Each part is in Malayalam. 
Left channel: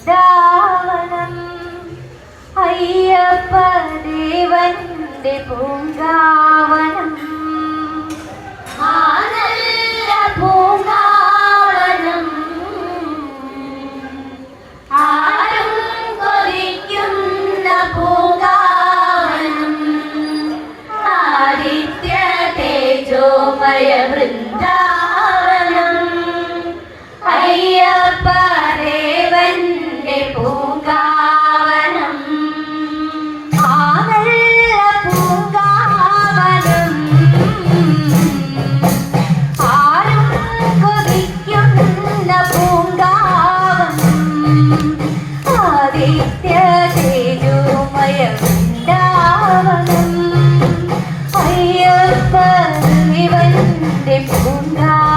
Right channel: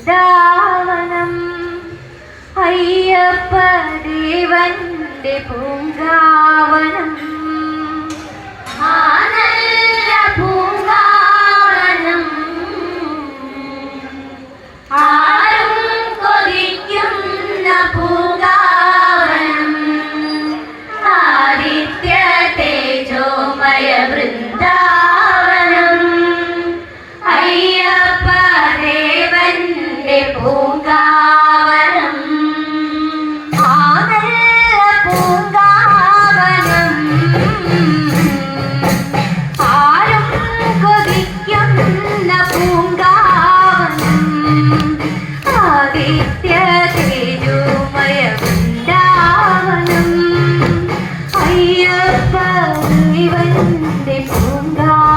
വൃന്ദാവനം അയ്യപ്പ ദേവന്റെ പൂങ്കാവനം അയ്യപ്പ ഇവന്റെ പൂങ്കാ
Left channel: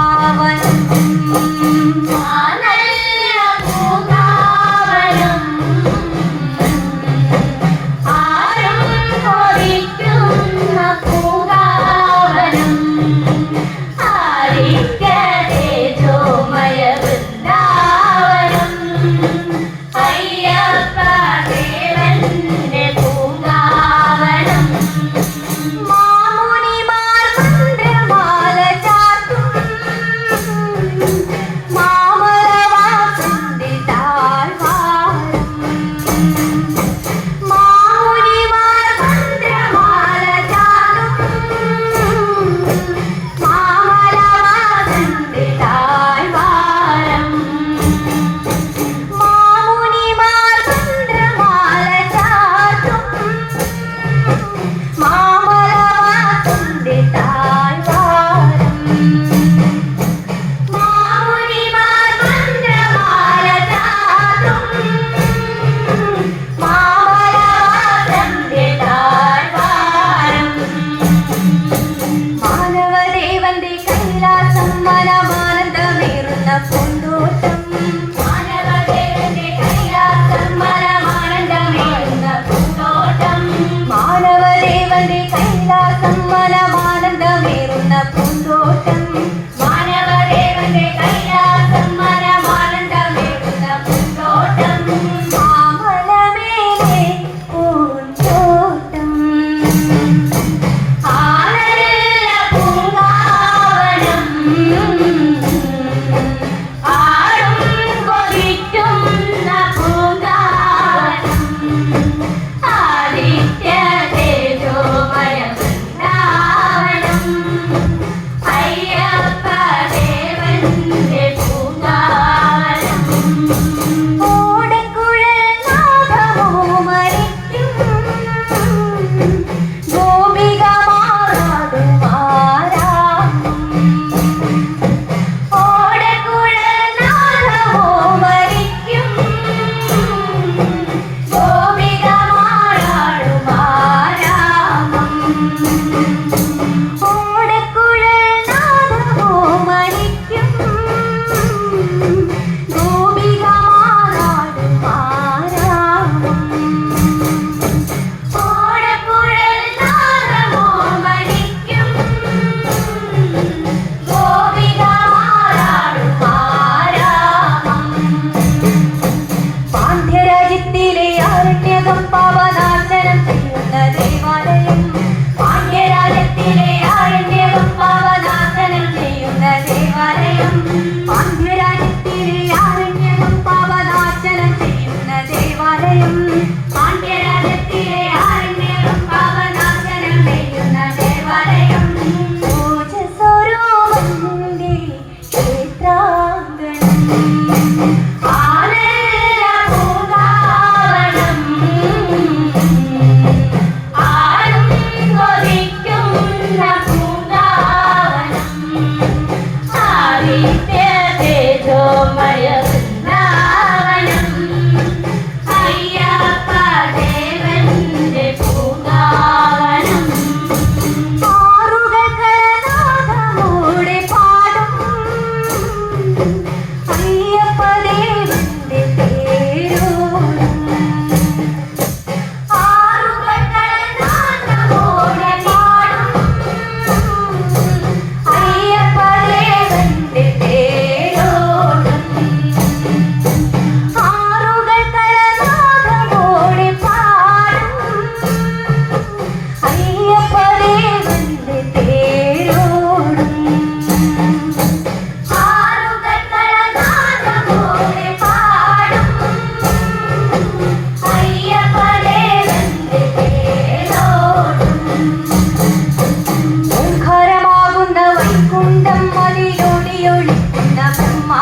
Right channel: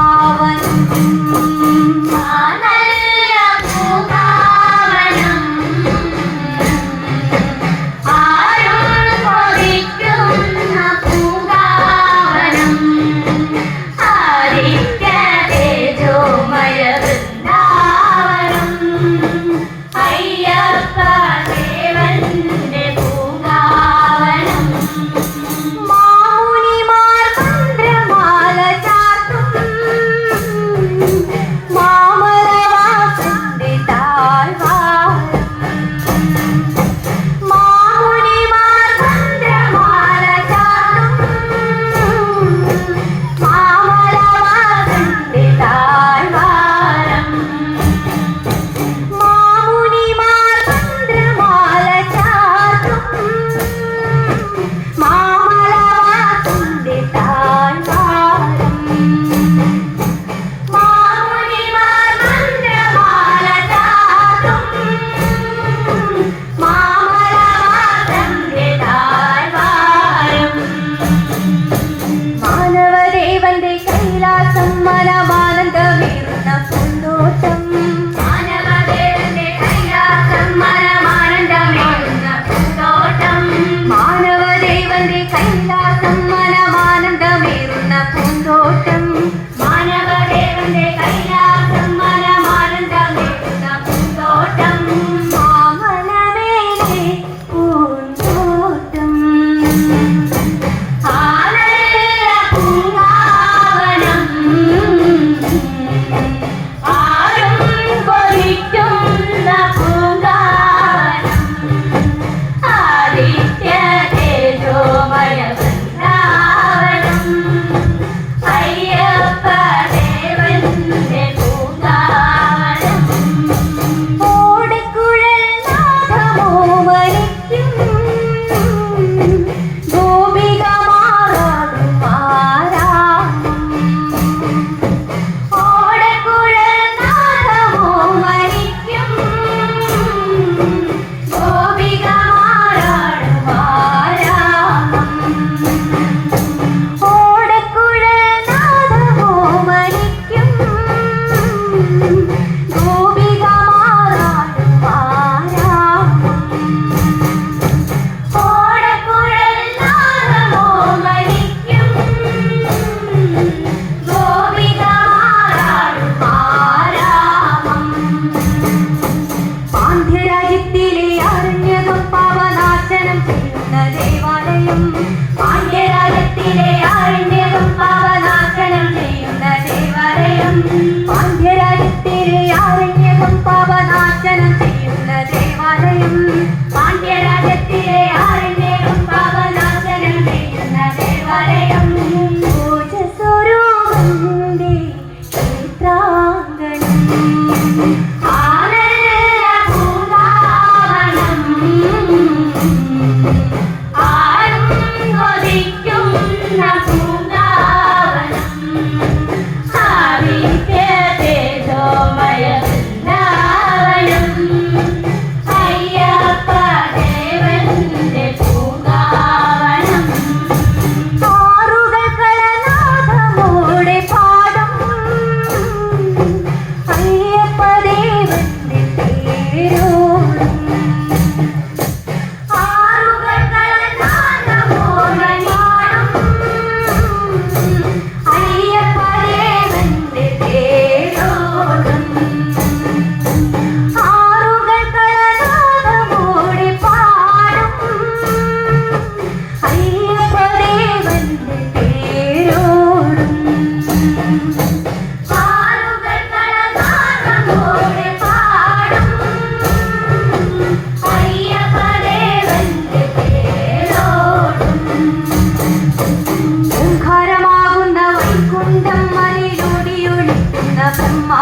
you.